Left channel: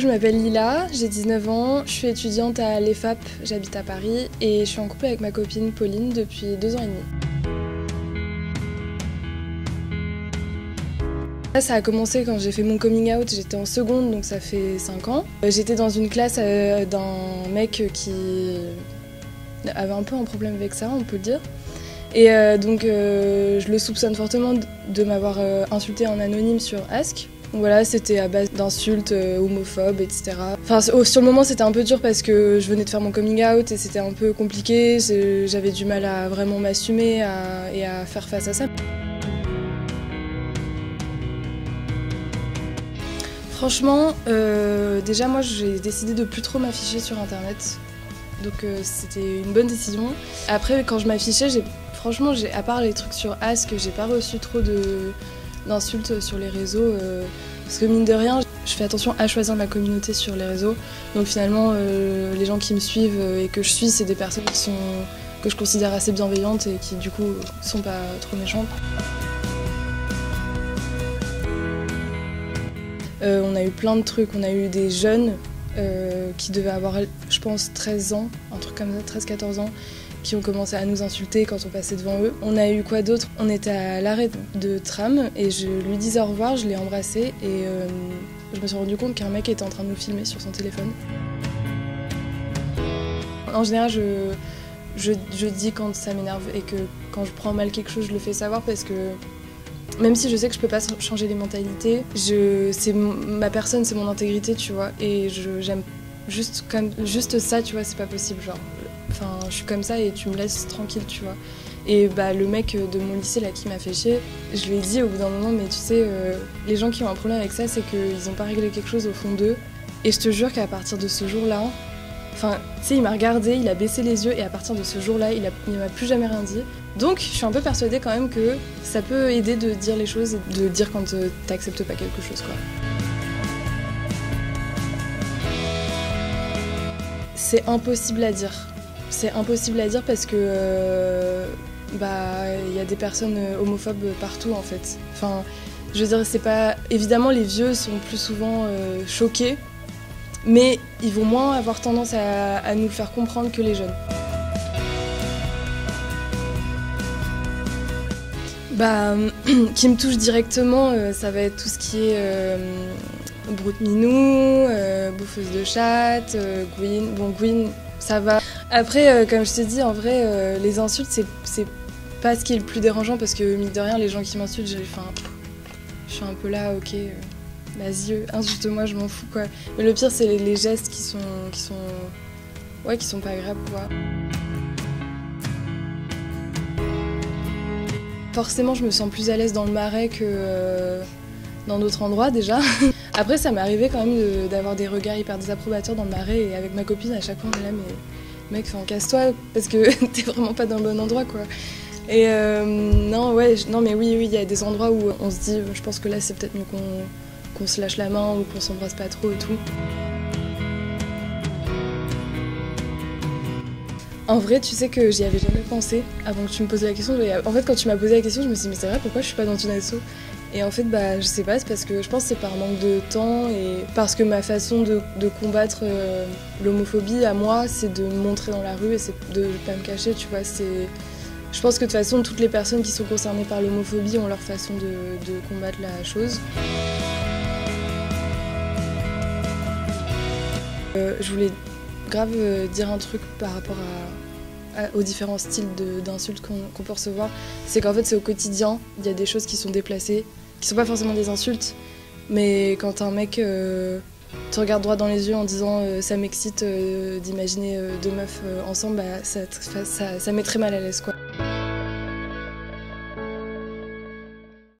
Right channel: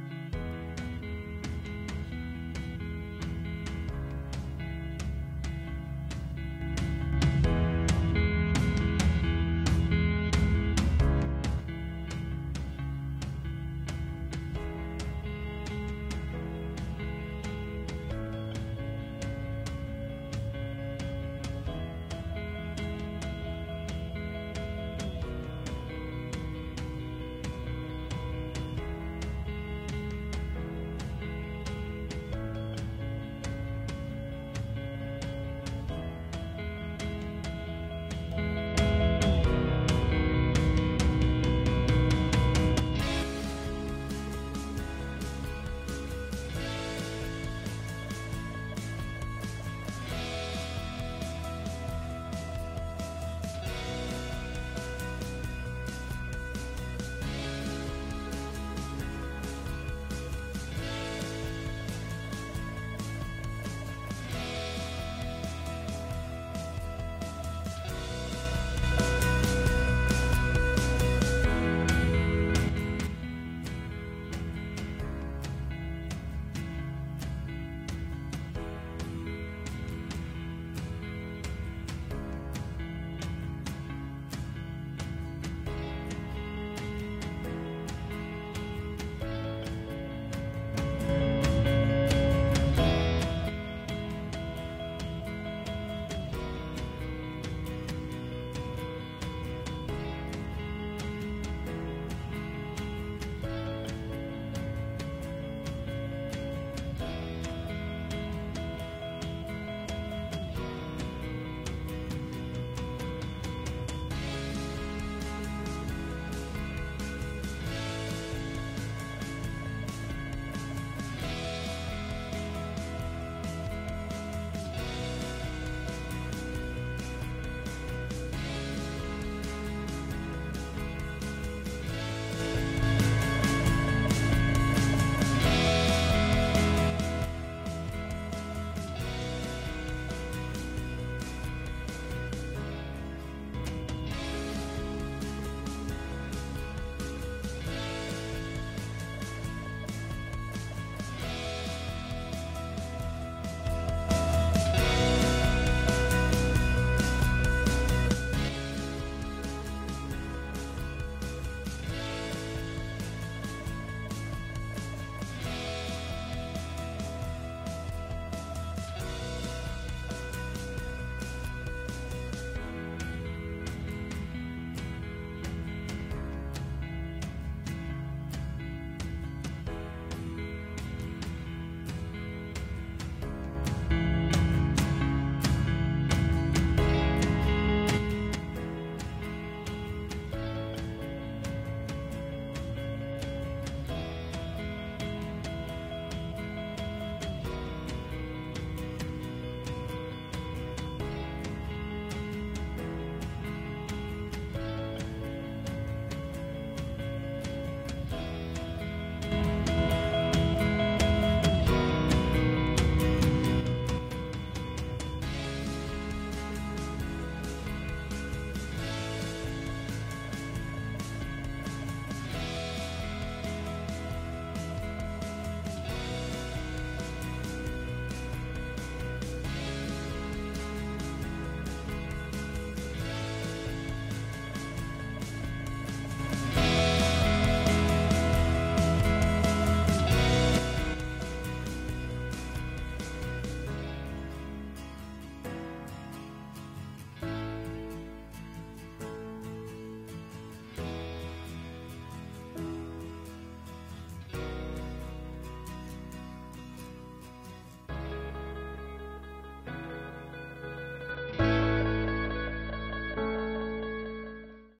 Je m'appelle Lila, j'ai 19 ans, je suis étudiante à l'EFAP, j'habite à Paris et je suis en couple avec ma copine Pauline depuis 2 ans et demi. Là, ça a commencé quand j'ai fait mon coming out, j'étais en seconde donc ça fait 5 ans. J'étais dans une classe d'un mec qui avait un peu un problème avec ça, on peut le dire. Et donc je le soupçonne fortement de m'avoir insulté en anonyme sur Ask. Donc voilà, c'était à base d'insultes homophobes, etc. Enfin, sur le moment, c'était un peu dur parce que je venais de faire mon coming out et c'était un peu compliqué. J'avais du mal à vraiment m'assumer et à faire face à ça. Franchement, déjà moi j'ai décidé de plus trop m'afficher sur internet. Donc c'était une bonne décision. Après quand je m'affichais, franchement, à part les trucs sur Ask, j'ai pas reçu trop d'insultes sur les réseaux. Parce que mine de rien, je fais attention à choisir ma communauté sur les réseaux. Donc finalement, les gens qui me suivent et que je suis, c'est des personnes que je considère assez bienveillantes et qui du coup sont pas trop méchantes. On a eu plein de trucs, on a eu des jeunes qui devaient avoir, je pense, 13 ans, un truc comme ça, 13-14 ans, qui ont commencé à nous insulter quand on passait devant eux. On a eu quoi d'autre? On était à l'arrêt de tram et je lui disais au revoir, je l'ai embrassé et je me suis rendu compte qu'un mec était en train de me filmer sur son téléphone. En général, je dis quand ça m'énerve et que quand je prends mal quelque chose, je le fais savoir parce que même si je sais que je peux pas changer les mentalités, c'est ma personne, c'est mon intégrité, tu vois, et j'aime juste ça, tu vois, c'est pas possible, genre. Enfin, je suis comme ça et tu me laisses tranquille, tu vois. Et bah le mec de mon lycée là qui m'a fait chier, je lui ai dit au bout d'un moment, mais tu sais, les gens qui ont un problème avec ça, c'est qu'ils ont pas réglé quelque chose au fond d'eux. Et je te jure qu'à partir de ce jour-là, enfin, tu sais, il m'a regardé, il a baissé les yeux et à partir de ce jour-là, il ne m'a plus jamais rien dit. Donc, je suis un peu persuadée quand même que ça peut aider de dire les choses, de dire quand t'acceptes pas quelque chose, quoi. C'est impossible à dire. C'est impossible à dire parce que y a des personnes homophobes partout en fait. Enfin, je veux dire, c'est pas. Évidemment, les vieux sont plus souvent choqués, mais ils vont moins avoir tendance à nous le faire comprendre que les jeunes. Qui me touche directement, ça va être tout ce qui est broute-minou, bouffeuse de chatte, Gwyn. Bon, Gwyn, ça va. Après, comme je t'ai dit, en vrai, les insultes, c'est pas ce qui est le plus dérangeant parce que, mine de rien, les gens qui m'insultent, je suis un peu là, ok, vas-y, insulte-moi, je m'en fous, quoi. Mais le pire, c'est les gestes qui sont pas agréables, quoi. Forcément, je me sens plus à l'aise dans le Marais que dans d'autres endroits déjà. Après, ça m'est arrivé quand même d'avoir des regards hyper désapprobateurs dans le Marais et avec ma copine, à chaque fois, on est là, mais mec, casse-toi parce que t'es vraiment pas dans le bon endroit, quoi. Et non, mais oui, il y a des endroits où on se dit, je pense que là, c'est peut-être mieux qu'on se lâche la main ou qu'on s'embrasse pas trop et tout. En vrai, tu sais que j'y avais jamais pensé avant que tu me poses la question. En fait, quand tu m'as posé la question, je me suis dit, mais c'est vrai, pourquoi je suis pas dans une asso? Et en fait, je sais pas, c'est parce que je pense que c'est par manque de temps et parce que ma façon de combattre l'homophobie à moi, c'est de me montrer dans la rue et c'est de pas me cacher, tu vois. Je pense que de toute façon, toutes les personnes qui sont concernées par l'homophobie ont leur façon de combattre la chose. Je voulais grave dire un truc par rapport aux différents styles d'insultes qu'on peut recevoir. C'est qu'en fait c'est au quotidien, il y a des choses qui sont déplacées, qui sont pas forcément des insultes, mais quand un mec te regarde droit dans les yeux en disant ça m'excite d'imaginer deux meufs ensemble, ça met très mal à l'aise, quoi.